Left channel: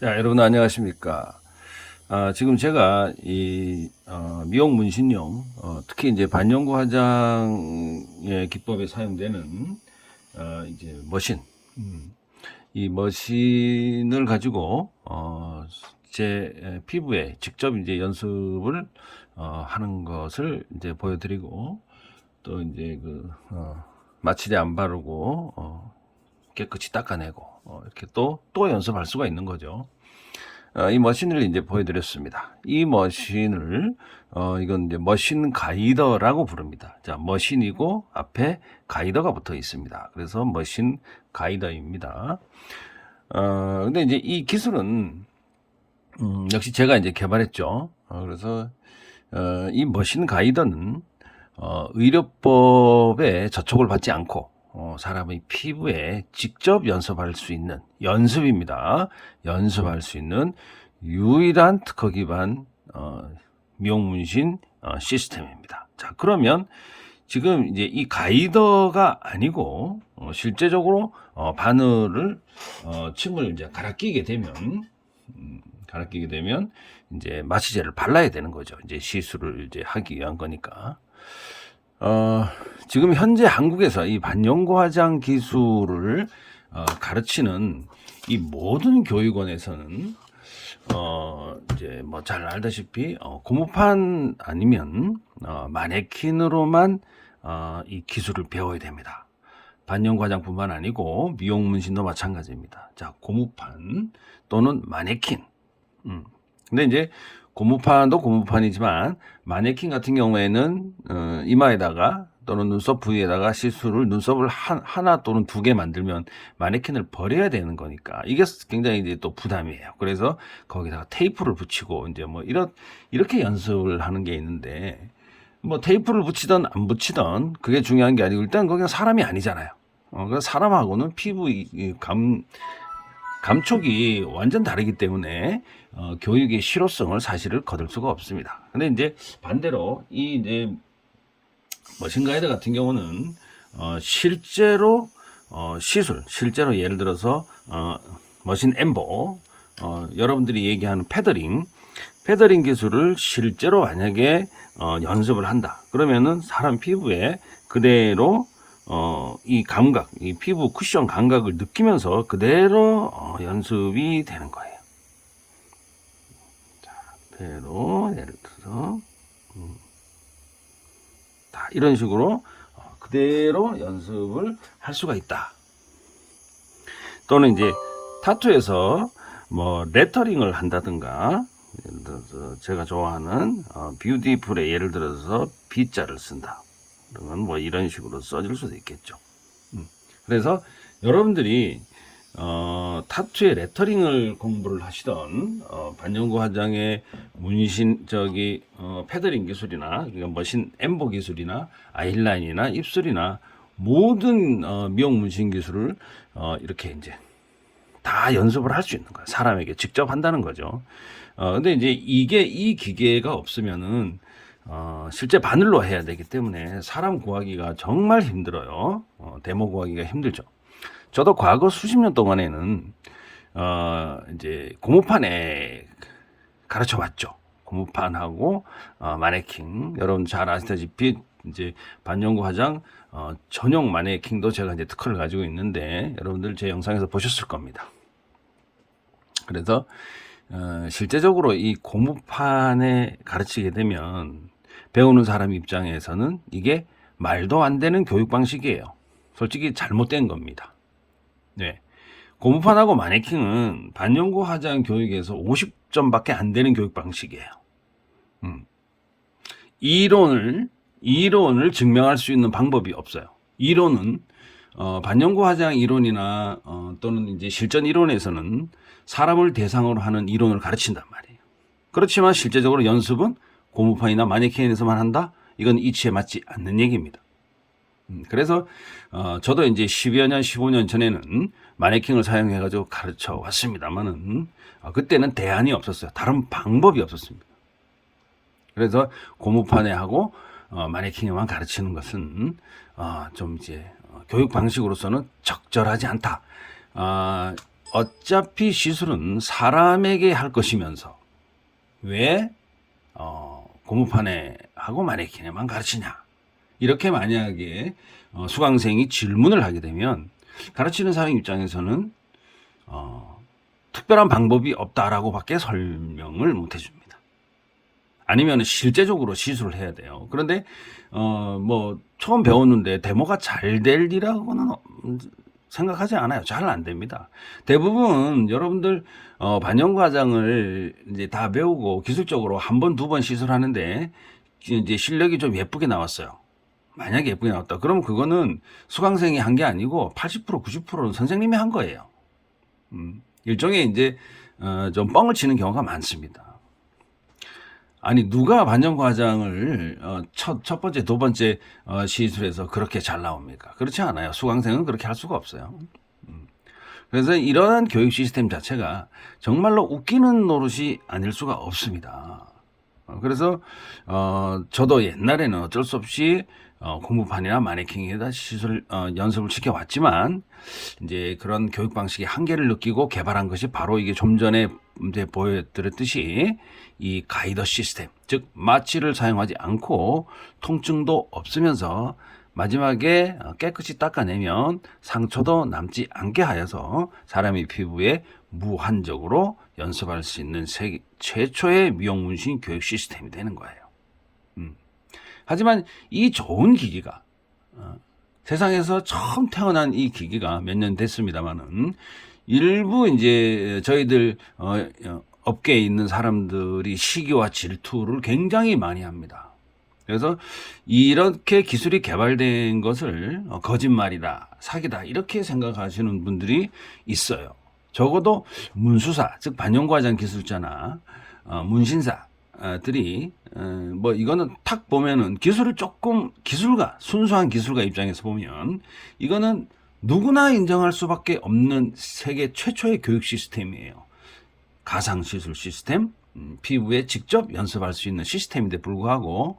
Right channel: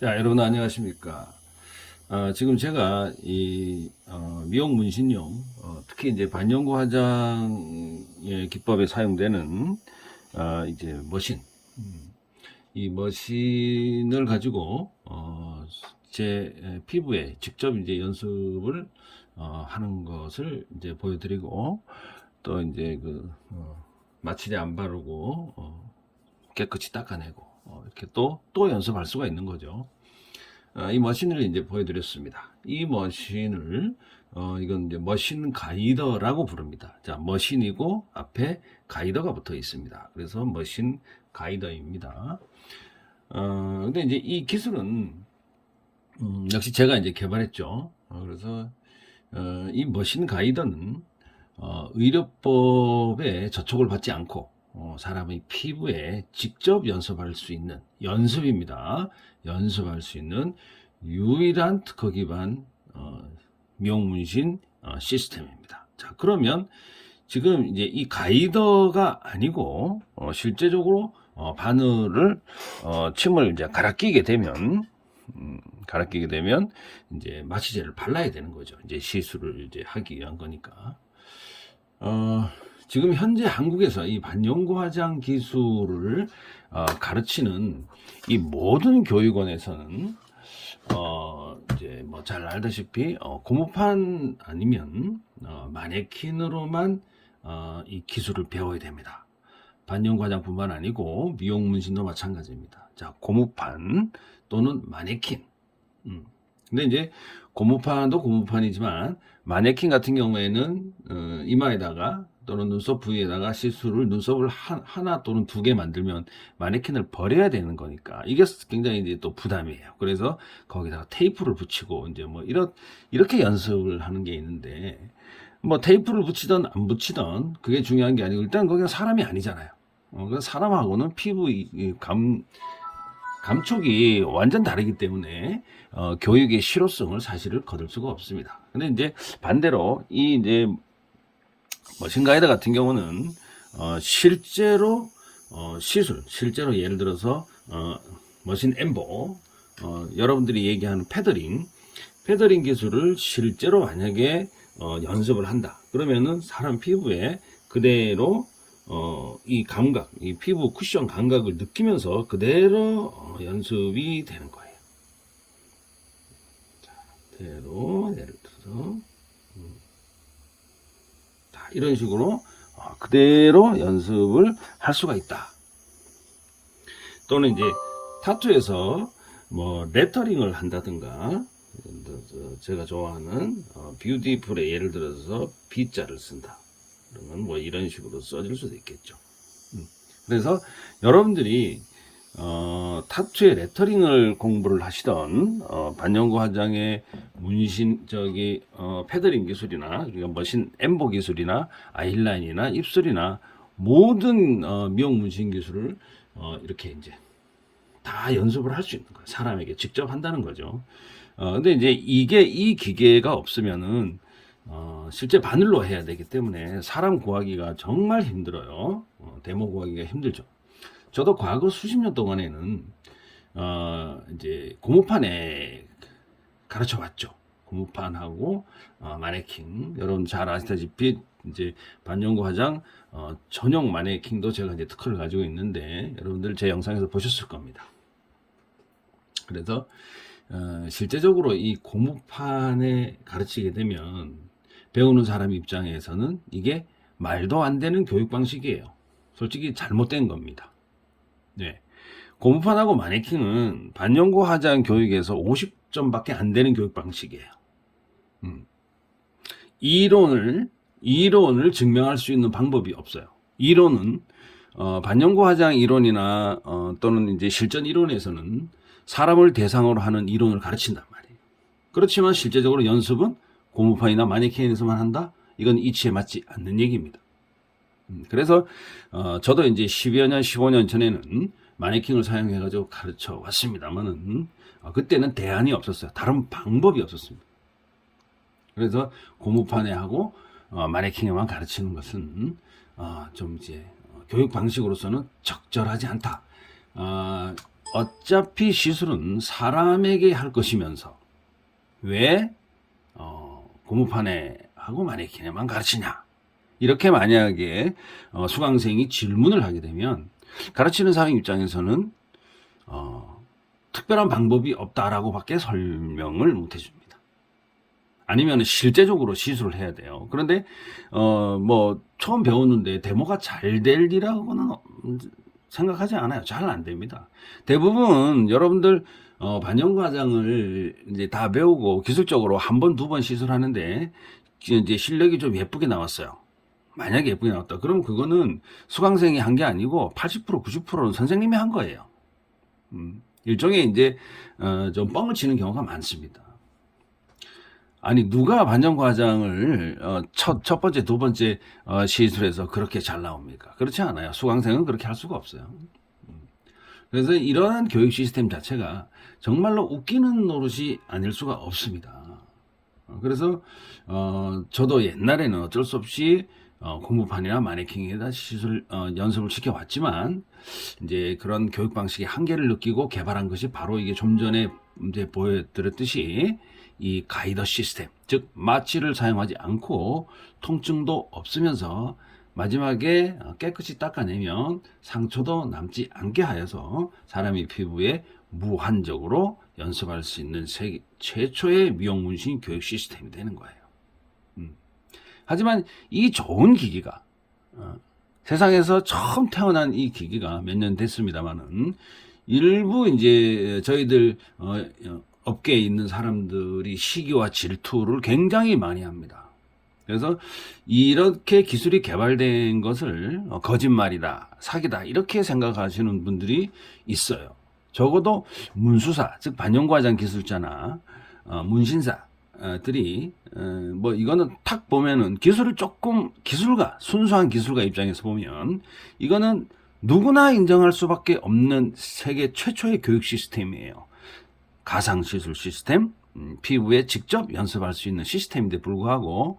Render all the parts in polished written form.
자, 여러분 안녕하십니까? 지금 제가 미용 문신용, 특히 이제 반영구 화장의 기법에 사용되는 이제 머신, 이 머신을 가지고 제 피부에 직접 이제 연습을 하는 것을 이제 보여드리고, 또 이제 마취제 안 바르고 깨끗이 닦아내고 이렇게 또 연습할 수가 있는 거죠. 이 머신을 이제 보여드렸습니다. 이 머신을 이건 이제 머신 가이더라고 부릅니다. 자, 머신이고 앞에 가이더가 붙어 있습니다. 그래서 머신 가이더입니다. 근데 이제 이 기술은 역시 제가 이제 개발했죠. 그래서 이 머신 가이더는 의료법에 저촉을 받지 않고 사람의 피부에 직접 연습할 수 있는 연습입니다. 연습할 수 있는 유일한 특허 기반 미용 문신 시스템입니다. 자, 그러면 지금 이제 이 가이더가 아니고 실제적으로 바늘을 침을 이제 갈아 끼게 되면 이제 마취제를 발라야 되는 거죠. 이제 시술을 이제 하기 위한 거니까. 지금 현재 한국에서 이 반영구 화장 기술을 가르치는 이 모든 교육원에서는 이제 뭐 잘 알다시피 고무판 아니면 마네킹으로만 이 기술을 배워야 됩니다. 반영구 화장뿐만 아니고 미용 문신도 마찬가지입니다. 자, 고무판 또는 마네킹. 근데 이제 고무판도 고무판이지만 마네킹 같은 경우에는 이마에다가 또는 눈썹 부위에다가 시술을 눈썹을 하나 또는 두 개 만들면 마네킹을 버려야 되는 거니까 이게 굉장히 이제 또 부담이에요. 그래서 거기다가 테이프를 붙이고 이제 뭐 이렇게 연습을 하는 게 있는데 뭐 테이프를 붙이든 안 붙이든 그게 중요한 게 아니고 일단 거기는 사람이 아니잖아요. 그 사람하고는 피부 감촉이 완전 다르기 때문에 교육의 실효성을 사실을 거둘 수가 없습니다. 근데 이제 반대로 이 이제 머신 가이드 같은 경우는 실제로 실제로 예를 들어서 머신 엠보, 여러분들이 얘기하는 패더링 기술을 실제로 만약에 연습을 한다. 그러면은 사람 피부에 그대로 이 감각, 이 피부 쿠션 감각을 느끼면서 그대로 연습이 되는 거예요. 자, 그대로 예를 들어서 이런 식으로 그대로 연습을 할 수가 있다. 또는 이제 타투에서 뭐 레터링을 한다든가, 예를 들어서 제가 좋아하는 뷰티풀에 예를 들어서 B자를 쓴다. 그러면 뭐 이런 식으로 써질 수도 있겠죠. 그래서 여러분들이 타투의 레터링을 공부를 하시던 반영구 화장의 문신 패더링 기술이나 머신 엠보 기술이나 아이라인이나 입술이나 모든 미용 문신 기술을 이렇게 이제 다 연습을 할 수 있는 거예요. 사람에게 직접 한다는 거죠. 근데 이제 이 기계가 없으면은 실제 바늘로 해야 되기 때문에 사람 구하기가 정말 힘들어요. 데모 구하기가 힘들죠. 저도 과거 수십 년 동안에는 이제 고무판에 가르쳐 왔죠. 고무판하고 마네킹. 여러분 잘 아시다시피 이제 반영구 화장 전용 마네킹도 제가 이제 특허를 가지고 있는데 여러분들 제 영상에서 보셨을 겁니다. 그래서 실제적으로 이 고무판에 가르치게 되면 배우는 사람 입장에서는 이게 말도 안 되는 교육 방식이에요. 솔직히 잘못된 겁니다. 네. 고무판하고 마네킹은 반영구 화장 교육에서 50점밖에 안 되는 교육 방식이에요. 이론을 증명할 수 있는 방법이 없어요. 이론은 반영구 화장 이론이나 또는 이제 실전 이론에서는 사람을 대상으로 하는 이론을 가르친단 말이에요. 그렇지만 실제적으로 연습은 고무판이나 마네킹에서만 한다? 이건 이치에 맞지 않는 얘기입니다. 그래서 저도 이제 10여 년, 15년 전에는 마네킹을 사용해가지고 가르쳐 왔습니다만은 그때는 대안이 없었어요. 다른 방법이 없었습니다. 그래서 고무판에 하고 마네킹에만 가르치는 것은 좀 이제 교육 방식으로서는 적절하지 않다. 어차피 시술은 사람에게 할 것이면서 왜 고무판에 하고 마네킹에만 가르치냐, 이렇게 만약에 수강생이 질문을 하게 되면 가르치는 사람 입장에서는 특별한 방법이 없다라고 밖에 설명을 못 해줍니다. 아니면 실제적으로 시술을 해야 돼요. 그런데 뭐 처음 배웠는데 데모가 잘 될 일이라고는 생각하지 않아요. 잘 안 됩니다. 대부분 여러분들 반영과장을 이제 다 배우고 기술적으로 한 번, 두 번 시술하는데 이제 실력이 좀 예쁘게 나왔어요. 만약에 예쁘게 나왔다. 그러면 그거는 수강생이 한 게 아니고 80%, 90%는 선생님이 한 거예요. 일종의 이제 좀 뻥을 치는 경우가 많습니다. 아니 누가 반영과장을 첫 번째, 두 번째 시술에서 그렇게 잘 나옵니까? 그렇지 않아요. 수강생은 그렇게 할 수가 없어요. 그래서 이러한 교육 시스템 자체가 정말로 웃기는 노릇이 아닐 수가 없습니다. 그래서 저도 옛날에는 어쩔 수 없이 공부판이나 마네킹에다 시술 연습을 시켜왔지만 이제 그런 교육 방식의 한계를 느끼고 개발한 것이 바로 이게 좀 전에 이제 보여드렸듯이 이 가이더 시스템, 즉 마취를 사용하지 않고 통증도 없으면서 마지막에 깨끗이 닦아내면 상처도 남지 않게 하여서 사람의 피부에 무한적으로 연습할 수 있는 세계 최초의 미용문신 교육 시스템이 되는 거예요. 하지만 이 좋은 기기가 세상에서 처음 태어난 이 기기가 몇 년 됐습니다만은 일부 이제 저희들 업계에 있는 사람들이 시기와 질투를 굉장히 많이 합니다. 그래서 이렇게 기술이 개발된 것을 거짓말이다, 사기다 이렇게 생각하시는 분들이 있어요. 적어도 문수사, 즉 반영과장 기술자나 문신사들이 뭐 이거는 탁 보면은 기술을 조금 순수한 기술가 입장에서 보면 이거는 누구나 인정할 수밖에 없는 세계 최초의 교육 시스템이에요. 가상시술 시스템, 피부에 직접 연습할 수 있는 시스템인데 불구하고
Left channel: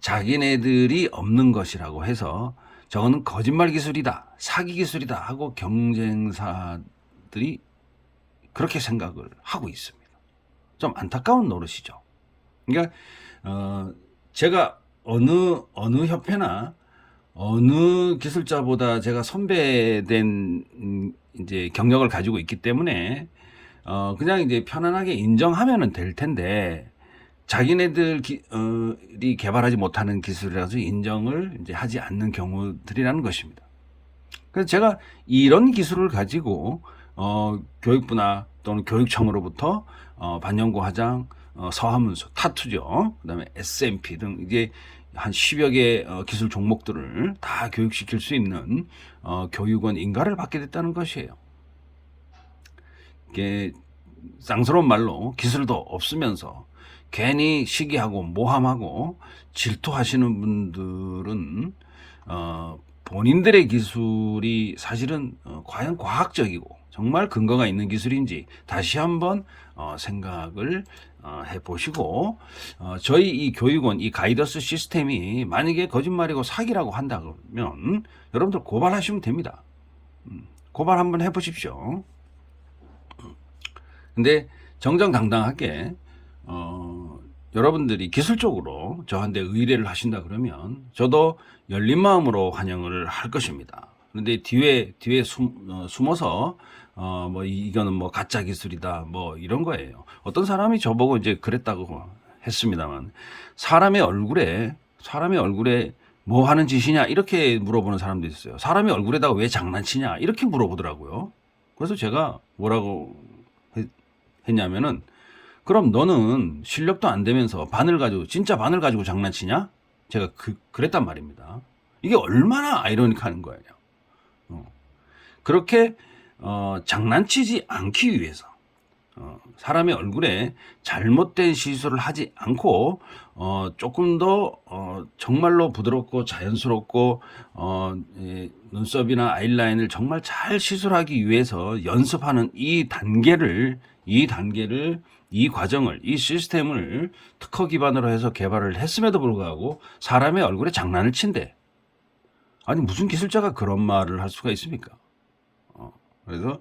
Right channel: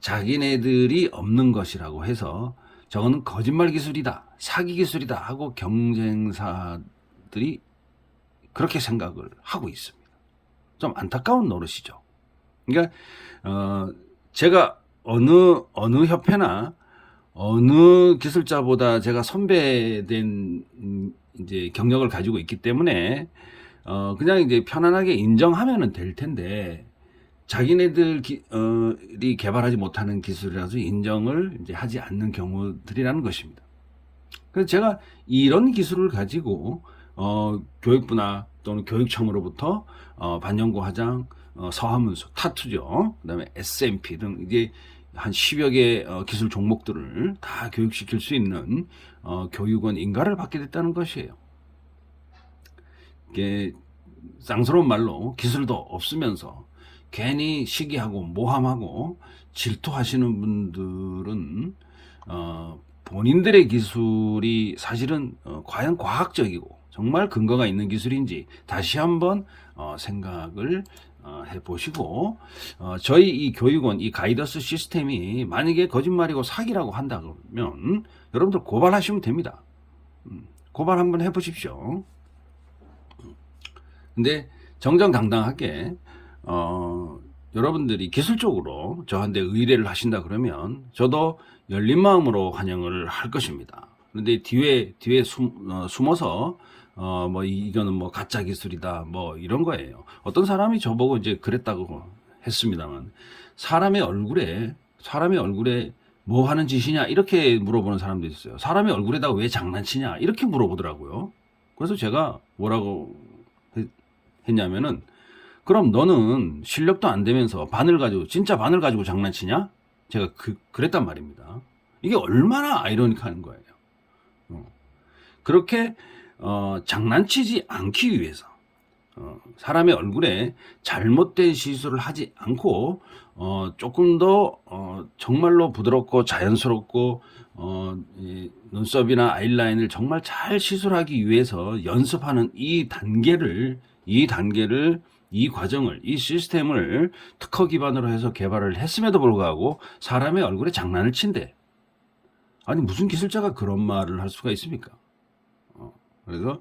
자기네들이 없는 것이라고 해서 저거는 거짓말 기술이다, 사기 기술이다 하고 경쟁사들이 그렇게 생각을 하고 있습니다. 좀 안타까운 노릇이죠. 그러니까 제가 어느 협회나 어느 기술자보다 제가 선배된 이제 경력을 가지고 있기 때문에 그냥 이제 편안하게 인정하면은 될 텐데 자기네들이 개발하지 못하는 기술이라서 인정을 이제 하지 않는 경우들이라는 것입니다. 그래서 제가 이런 기술을 가지고 교육부나 또는 교육청으로부터 반영고 화장, 서화문서, 타투죠. 그다음에 SMP 등 이게 한 10여 개 기술 종목들을 다 교육시킬 수 있는 교육원 인가를 받게 됐다는 것이에요. 이게 쌍스러운 말로 기술도 없으면서 괜히 시기하고 모함하고 질투하시는 분들은 본인들의 기술이 사실은 과연 과학적이고 정말 근거가 있는 기술인지 다시 한번 생각을 해보시고 저희 이 교육원 이 가이더스 시스템이 만약에 거짓말이고 사기라고 한다면 여러분들 고발하시면 됩니다. 고발 한번 해보십시오. 근데 정정당당하게 여러분들이 기술적으로 저한테 의뢰를 하신다 그러면 저도 열린 마음으로 환영을 할 것입니다. 그런데 뒤에 숨어서 뭐 이거는 뭐 가짜 기술이다 뭐 이런 거예요. 어떤 사람이 저보고 이제 그랬다고 했습니다만 사람의 얼굴에 뭐 하는 짓이냐 이렇게 물어보는 사람도 있어요. 사람의 얼굴에다가 왜 장난치냐 이렇게 물어보더라고요. 그래서 제가 뭐라고 했냐면은 그럼 너는 실력도 안 되면서 진짜 바늘 가지고 장난치냐? 제가 그랬단 말입니다. 이게 얼마나 아이러니한 거예요. 그렇게 장난치지 않기 위해서 사람의 얼굴에 잘못된 시술을 하지 않고 조금 더 정말로 부드럽고 자연스럽고 눈썹이나 아이라인을 정말 잘 시술하기 위해서 연습하는 이 과정을, 이 시스템을 특허 기반으로 해서 개발을 했음에도 불구하고 사람의 얼굴에 장난을 친대. 아니 무슨 기술자가 그런 말을 할 수가 있습니까? 그래서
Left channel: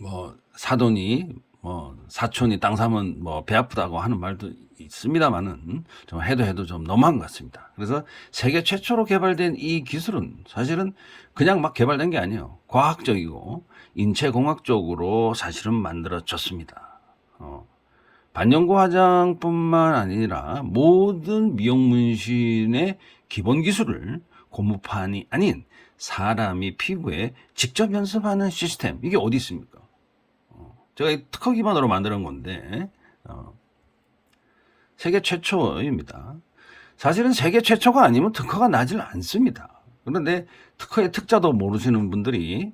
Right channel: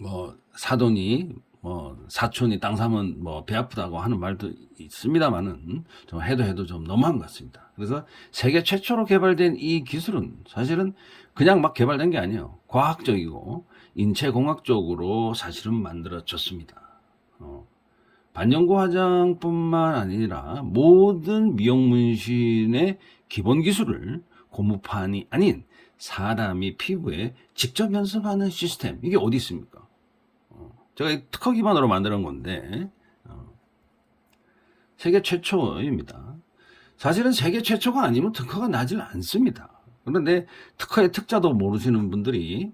뭐 사돈이 뭐 사촌이 땅 사면 뭐 배 아프다고 하는 말도 있습니다만은 좀 해도 좀 너무한 것 같습니다. 그래서 세계 최초로 개발된 이 기술은 사실은 그냥 막 개발된 게 아니에요. 과학적이고 인체공학적으로 사실은 만들어졌습니다. 반영구 화장뿐만 아니라 모든 미용 문신의 기본 기술을 고무판이 아닌 사람이 피부에 직접 연습하는 시스템, 이게 어디 있습니까? 제가 특허 기반으로 만드는 건데 세계 최초입니다. 사실은 세계 최초가 아니면 특허가 나질 않습니다. 그런데 특허의 특자도 모르시는 분들이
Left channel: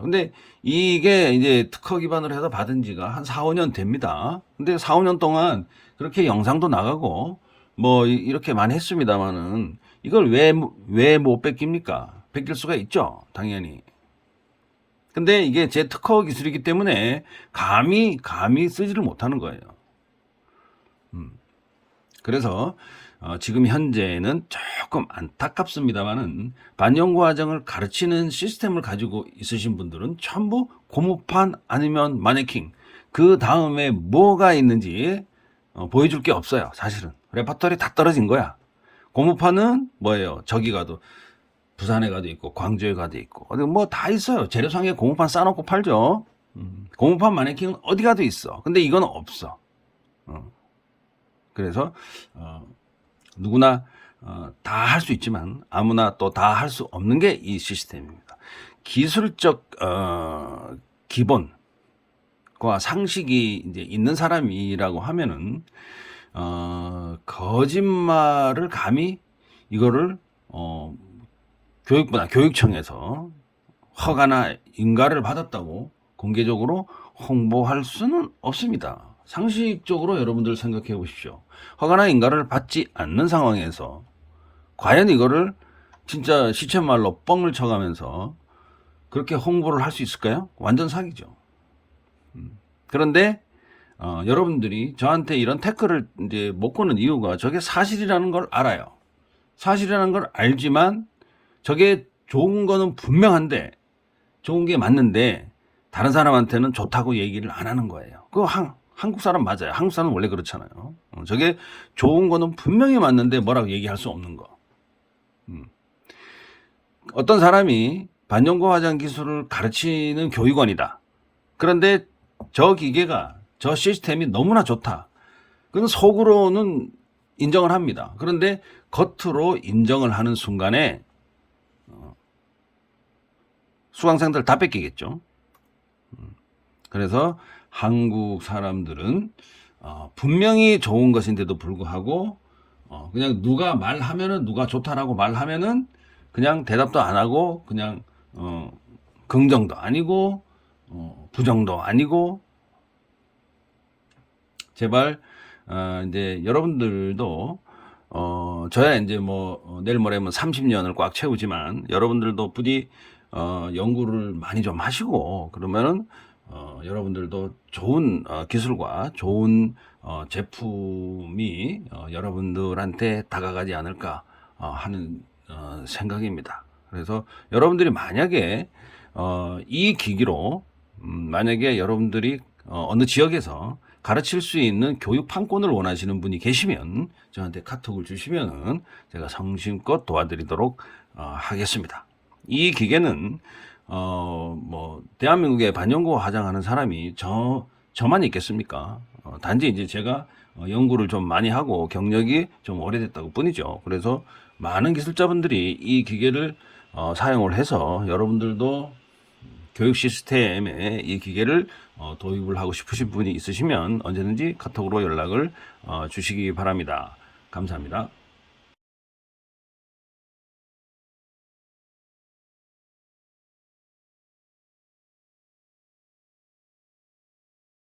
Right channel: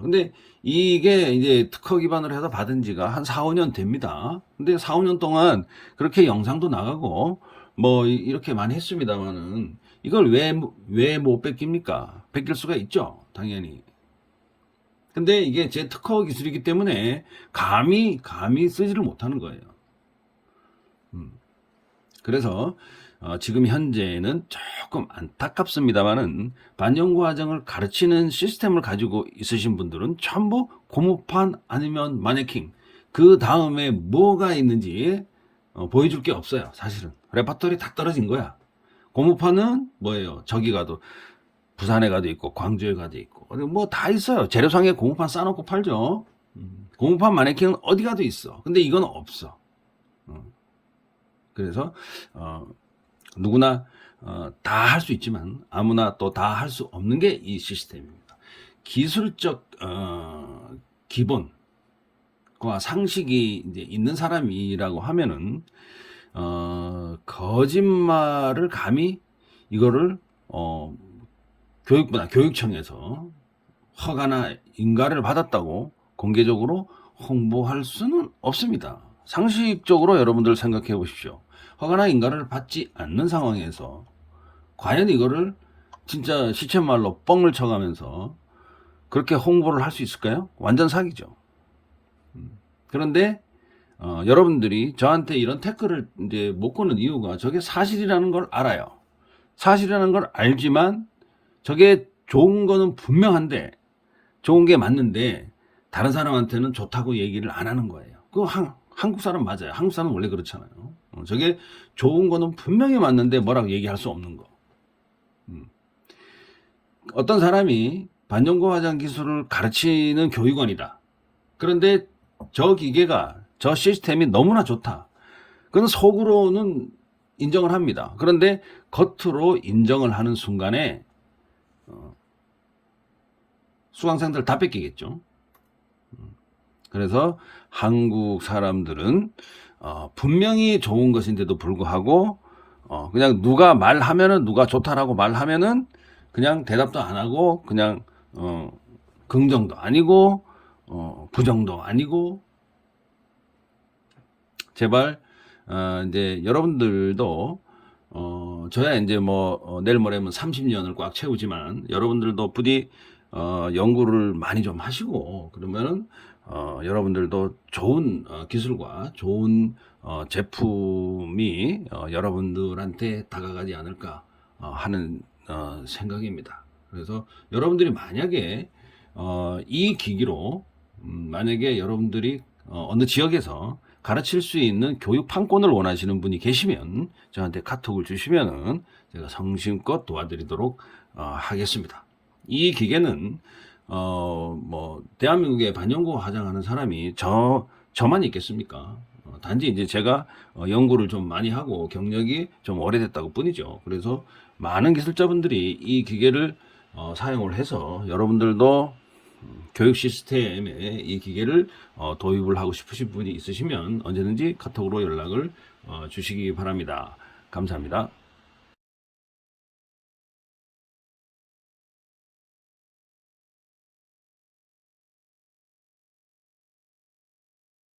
근데 이게 이제 특허 기반으로 해서 받은 지가 한 4, 5년 됩니다. 근데 4, 5년 동안 그렇게 영상도 나가고 뭐 이렇게 많이 했습니다만은 이걸 왜 못 뺏깁니까? 뺏길 수가 있죠, 당연히. 근데 이게 제 특허 기술이기 때문에 감히 쓰지를 못하는 거예요. 그래서 지금 현재는 조금 안타깝습니다만은 반영구 화장을 가르치는 시스템을 가지고 있으신 분들은 전부 고무판 아니면 마네킹, 그 다음에 뭐가 있는지 보여줄 게 없어요. 사실은 레퍼토리 다 떨어진 거야. 고무판은 뭐예요? 저기 가도 부산에 가도 있고 광주에 가도 있고 뭐 다 있어요. 재료상에 고무판 싸놓고 팔죠. 고무판 마네킹은 어디 가도 있어. 근데 이건 없어. 그래서 누구나 다 할 수 있지만 아무나 또 다 할 수 없는 게 이 시스템입니다. 기술적 기본과 상식이 이제 있는 사람이라고 하면은 거짓말을 감히 이거를 교육청에서 허가나 인가를 받았다고 공개적으로 홍보할 수는 없습니다. 상식적으로 여러분들 생각해 보십시오. 허가나 인가를 받지 않는 상황에서 과연 이거를 진짜 시쳇말로 뻥을 쳐가면서 그렇게 홍보를 할 수 있을까요? 완전 사기죠. 그런데 여러분들이 저한테 이런 태클을 이제 못 거는 이유가 저게 사실이라는 걸 알아요. 사실이라는 걸 알지만 저게 좋은 거는 분명한데 좋은 게 맞는데 다른 사람한테는 좋다고 얘기를 안 하는 거예요. 그거 한국 사람 맞아요. 한국 사람은 원래 그렇잖아요. 저게 좋은 거는 분명히 맞는데 뭐라고 얘기할 수 없는 거. 어떤 사람이 반영구 화장 기술을 가르치는 교육원이다. 그런데 저 기계가, 저 시스템이 너무나 좋다. 그건 속으로는 인정을 합니다. 그런데 겉으로 인정을 하는 순간에 수강생들 다 뺏기겠죠. 그래서 한국 사람들은 분명히 좋은 것인데도 불구하고 그냥 누가 말하면은, 누가 좋다라고 말하면은 그냥 대답도 안 하고 그냥 긍정도 아니고 부정도 아니고. 제발 이제 여러분들도 저야 이제 뭐 내일 모레면 30년을 꽉 채우지만 여러분들도 부디 연구를 많이 좀 하시고 그러면은 여러분들도 좋은 기술과 좋은 제품이 여러분들한테 다가가지 않을까 하는 생각입니다. 그래서 여러분들이 만약에 이 기기로 만약에 여러분들이 어느 지역에서 가르칠 수 있는 교육 판권을 원하시는 분이 계시면 저한테 카톡을 주시면은 제가 성심껏 도와드리도록 하겠습니다. 이 기계는 뭐 대한민국에 반영구 화장하는 사람이 저만 있겠습니까? 단지 이제 제가 연구를 좀 많이 하고 경력이 좀 오래됐다고 뿐이죠. 그래서 많은 기술자분들이 이 기계를 사용을 해서 여러분들도 교육 시스템에 이 기계를 도입을 하고 싶으신 분이 있으시면 언제든지 카톡으로 연락을 주시기 바랍니다. 감사합니다.